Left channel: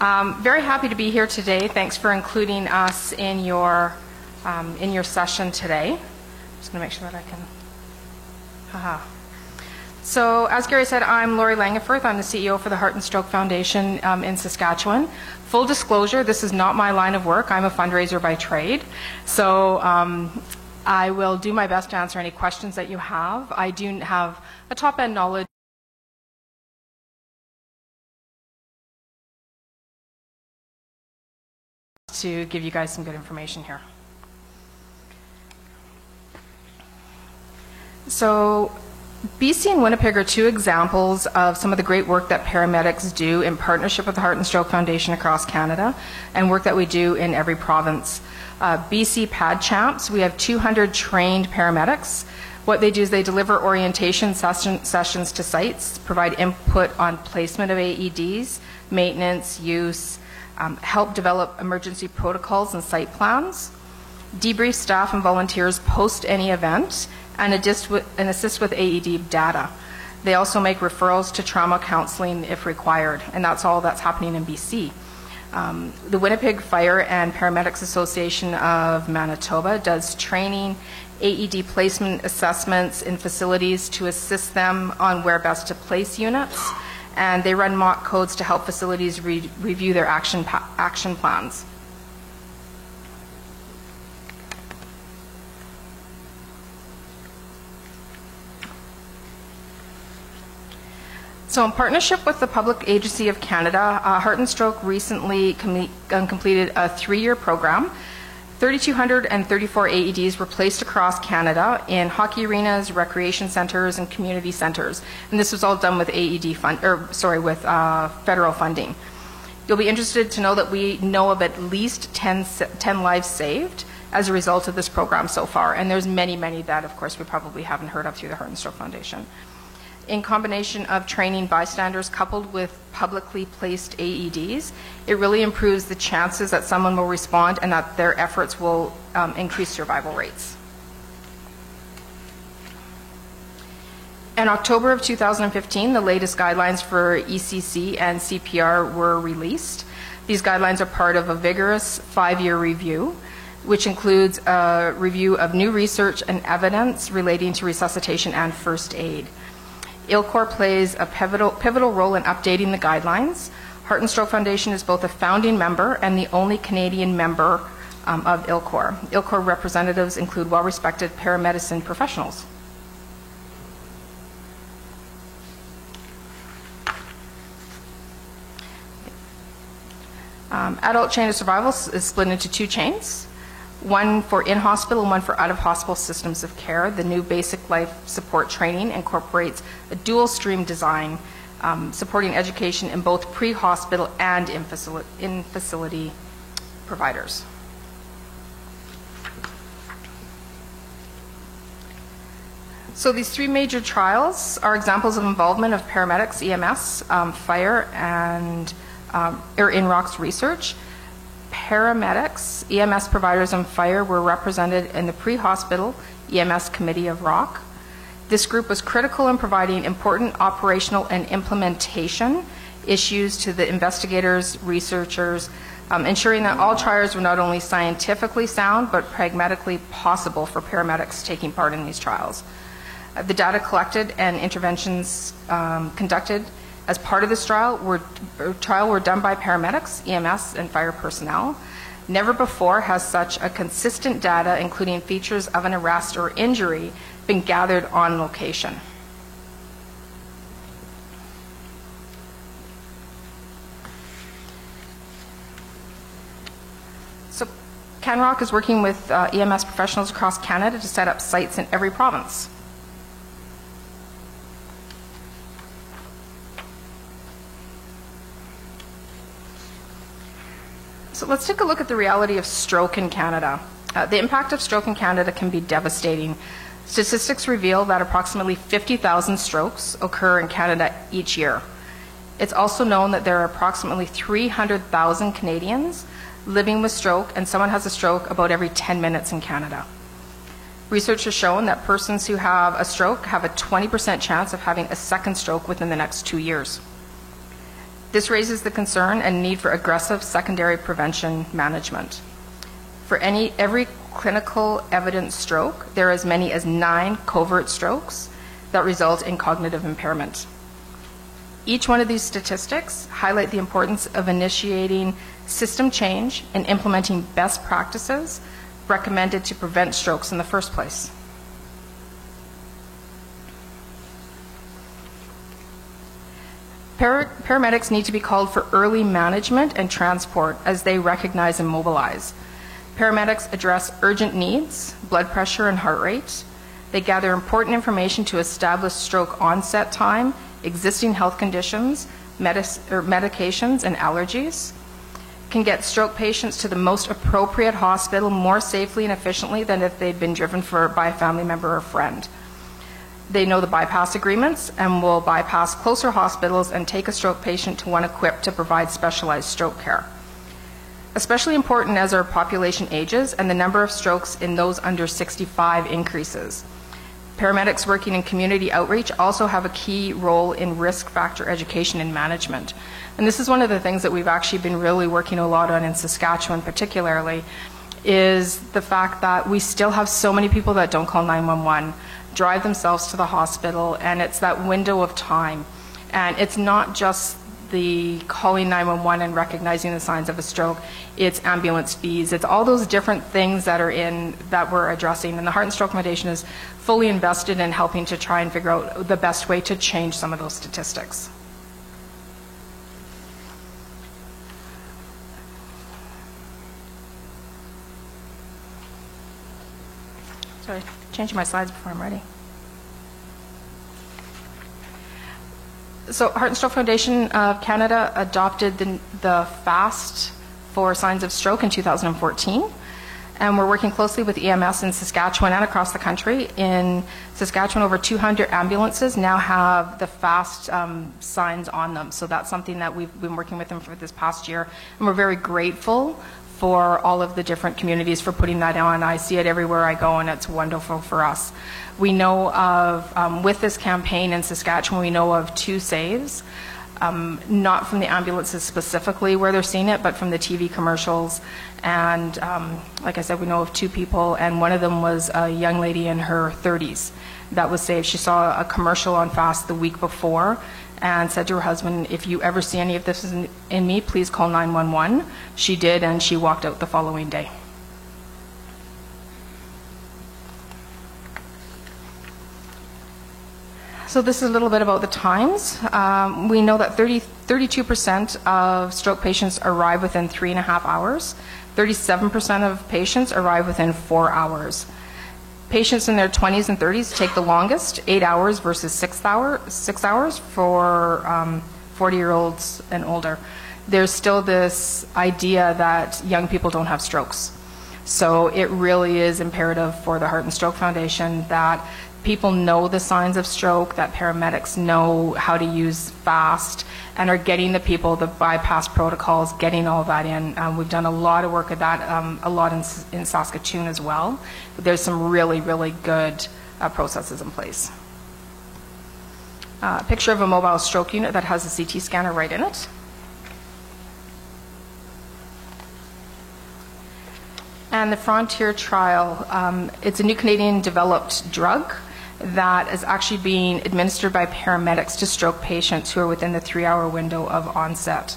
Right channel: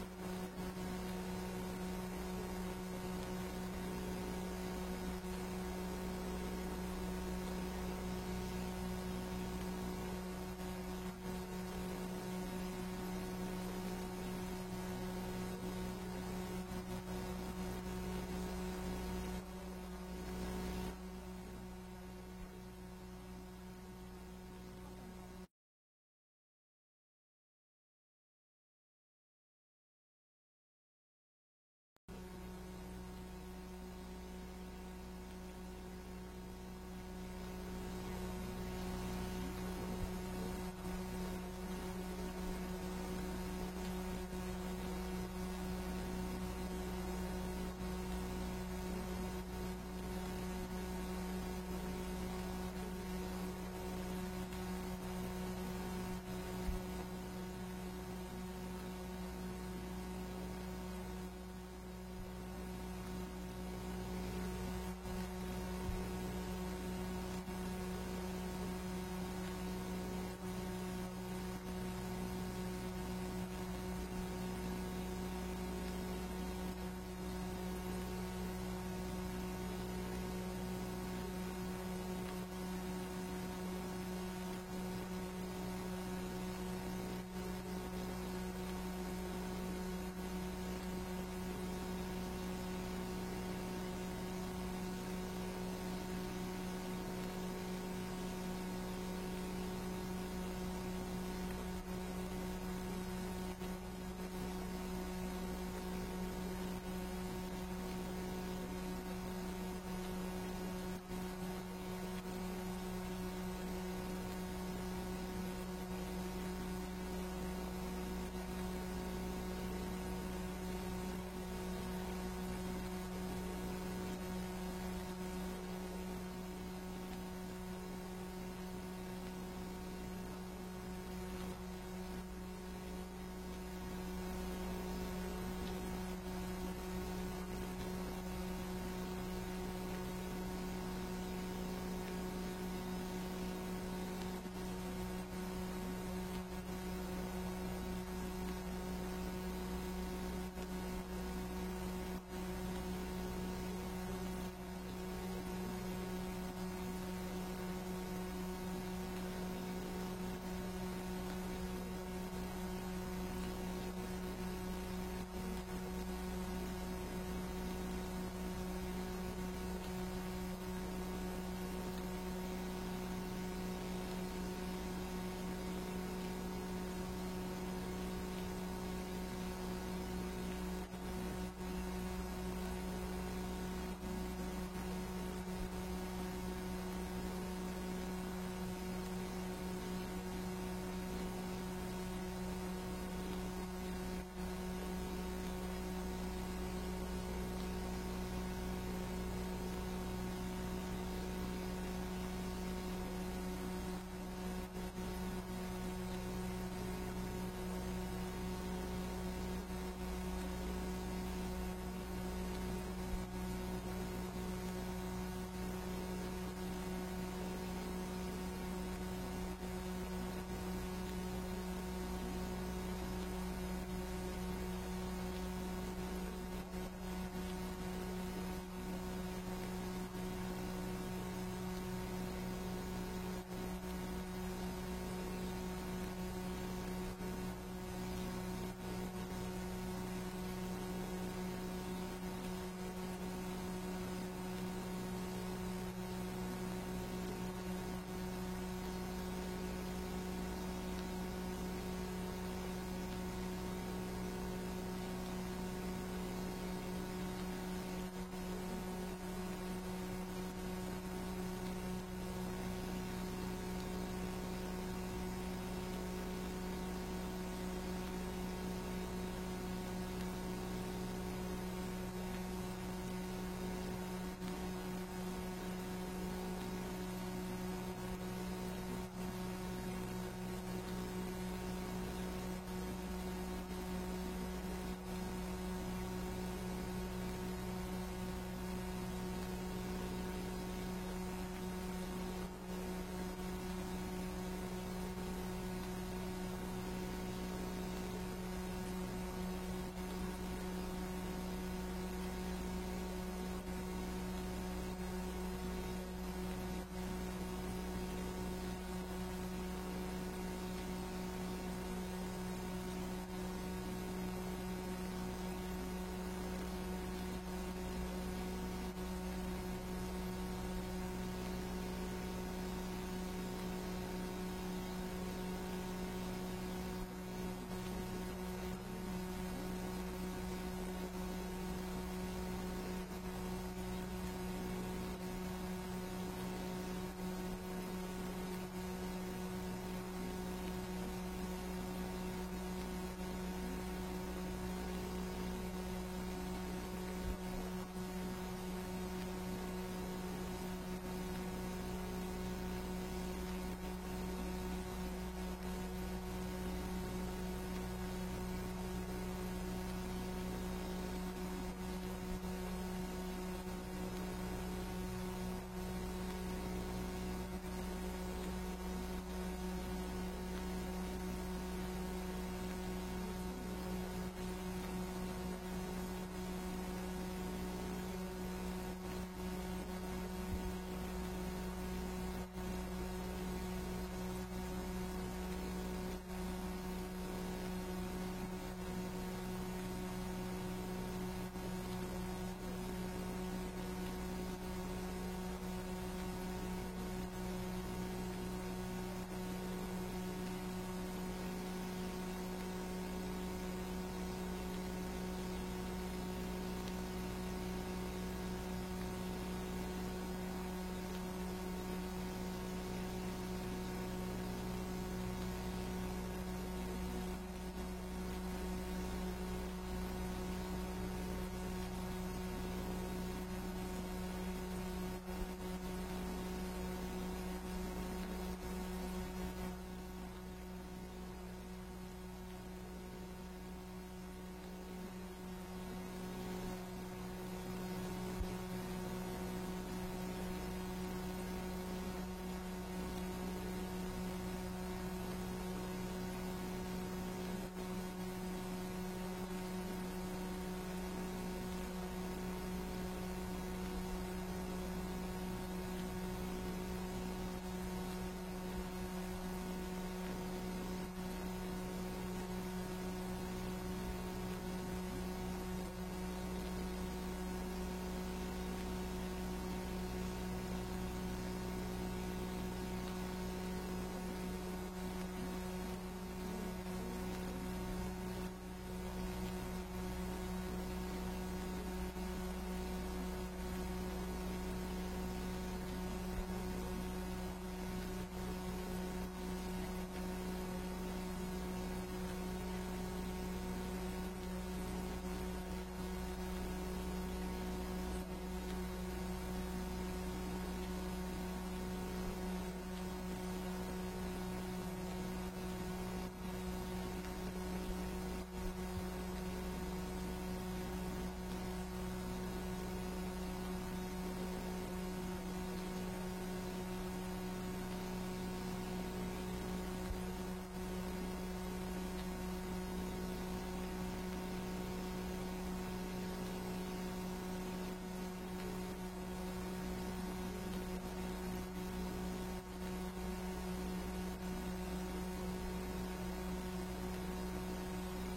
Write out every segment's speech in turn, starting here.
Very happy to be here today. Thanks for including us in your session today. Just going to make sure that I can. So, as Gary said, I'm Lori Langenfirth. I'm the CEO for the Heart and Stroke Foundation in Saskatchewan. Full disclosure, this is not my line of work. I'm a fundraiser by trade. So I will do my best to answer any questions that you have. I do have a top-end knowledge to give you guys some good information here. So BC and Winnipeg are two examples of some of the great work that paramedics do in partnership with the Heart and Stroke Foundation across Canada, and work that we do in every province. BC PAD Champs, we have 200 trained paramedics. What they do is they deliver orientation sessions to sites, provide input on placement of AEDs, maintenance, use, help develop emergency protocols and site plans, debrief staff and volunteers post any event, and assist with AED data. They also make referrals to trauma counseling if required, and that's all that's happening in BC. The Winnipeg Fire and Paramedics Association of Manitoba does training, AED placement assessments in facilities to assist them on where best to place units, and they run mock codes to help facilities review their action plans. So in partnership with the Public Agency of Canada, Heart and Stroke recently completed a 3-year program. 3,234 AEDs were placed across Canada in hockey arenas, recreation centers, and community centers. And this was all done with federal funding. You'll be interested to know that we know of at least 10 lives saved as a result of this program so far. And there's many, many that, of course, we probably haven't heard of through the Heart and Stroke Foundation. In combination of training bystanders coupled with publicly placed AEDs, it really improves the chances that someone will respond and that their efforts will increase survival rates. In October of 2015, the latest guidelines for ECC and CPR were released. These guidelines are part of a vigorous 5-year review, which includes a review of new research and evidence relating to resuscitation and first aid. ILCOR plays a pivotal role in updating the guidelines. Heart and Stroke Foundation is both a founding member and the only Canadian member of ILCOR. ILCOR representatives include well-respected paramedicine professionals. Adult chain of survival is split into 2 chains. One for in-hospital and one for out-of-hospital systems of care. The new basic life support training incorporates a dual-stream design, supporting education in both pre-hospital and in-facility providers. So these 3 major trials are examples of involvement of paramedics, EMS, fire, and INROC's research. Paramedics, EMS providers, and fire were represented in the pre-hospital EMS committee of ROC. This group was critical in providing important operational and implementation issues to the investigators, researchers, ensuring that all trials were not only scientifically sound but pragmatically possible for paramedics taking part in these trials. The data collected and interventions conducted as part of this trial were done by paramedics, EMS, and fire personnel. Never before has such a consistent data, including features of an arrest or injury, been gathered on location. So CanROC is working with EMS professionals across Canada to set up sites in every province. So let's take a look at the reality of stroke in Canada. The impact of stroke in Canada can be devastating. Statistics reveal that approximately 50,000 strokes occur in Canada each year. It's also known that there are approximately 300,000 Canadians living with stroke, and someone has a stroke about every 10 minutes in Canada. Research has shown that persons who have a stroke have a 20% chance of having a second stroke within the next 2 years. This raises the concern and need for aggressive secondary prevention management. For every clinical evidence stroke, there are as many as 9 covert strokes that result in cognitive impairment. Each one of these statistics highlight the importance of initiating system change and implementing best practices recommended to prevent strokes in the first place. Paramedics need to be called for early management and transport as they recognize and mobilize. Paramedics address urgent needs, blood pressure and heart rate. They gather important information to establish stroke onset time, existing health conditions, medications, and allergies. Can get stroke patients to the most appropriate hospital more safely and efficiently than if they'd been driven by a family member or friend. They know the bypass agreements and will bypass closer hospitals and take a stroke patient to one equipped to provide specialized stroke care. Especially important as our population ages and the number of strokes in those under 65 increases. Paramedics working in community outreach also have a key role in risk factor education and management. And this is one of the things that we've actually been really working a lot on in Saskatchewan particularly, is the fact that we still have so many people that don't call 911, drive themselves to the hospital, and it's that window of time. And it's not just the calling 911 and recognizing the signs of a stroke, it's ambulance fees, it's all those different things that we're addressing. And the Heart and Stroke Foundation is fully invested in helping to try and figure out the best way to change some of those statistics. Sorry, changing my slides before I'm ready. So Heart and Stroke Foundation of Canada adopted the FAST for signs of stroke in 2014, and we're working closely with EMS in Saskatchewan and across the country. In Saskatchewan, over 200 ambulances now have the FAST signs on them, so that's something that we've been working with them for this past year, and we're very grateful for all of the different communities for putting that on. I see it everywhere I go, and it's wonderful for us. We know of, with this campaign in Saskatchewan, we know of 2 saves, not from the ambulances specifically where they're seeing it, but from the TV commercials. And like I said, we know of 2 people, and one of them was a young lady in her 30s that was saved. She saw a commercial on FAST the week before and said to her husband, if you ever see any of this in me, please call 911. She did, and she walked out the following day. So this is a little bit about the times. We know that 32% of stroke patients arrive within 3.5 hours. 37% of patients arrive within 4 hours. Patients in their 20s and 30s take the longest, 8 hours versus 6 hours for 40-year-olds and older. There's still this idea that young people don't have strokes. So it really is imperative for the Heart and Stroke Foundation that people know the signs of stroke, that paramedics know how to use FAST, and are getting the people the bypass protocols, getting all that in. We've done a lot of work at that, a lot in Saskatoon as well. There's some really, really good processes in place. A picture of a mobile stroke unit that has a CT scanner right in it. And the Frontier trial, it's a new Canadian developed drug that is actually being administered by paramedics to stroke patients who are within the 3-hour window of onset.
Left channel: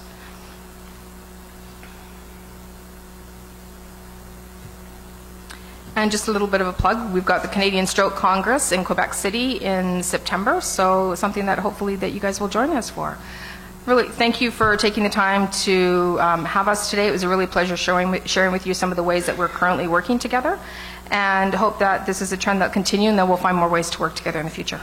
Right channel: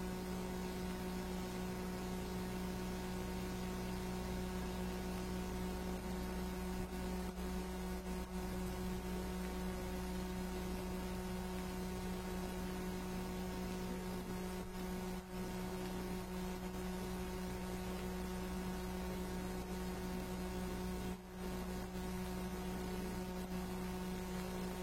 And just a little bit of a plug, we've got the Canadian Stroke Congress in Quebec City in September, so something that hopefully that you guys will join us for. Really, thank you for taking the time to have us today. It was a really pleasure sharing with you some of the ways that we're currently working together, and hope that this is a trend that will continue and that we'll find more ways to work together in the future.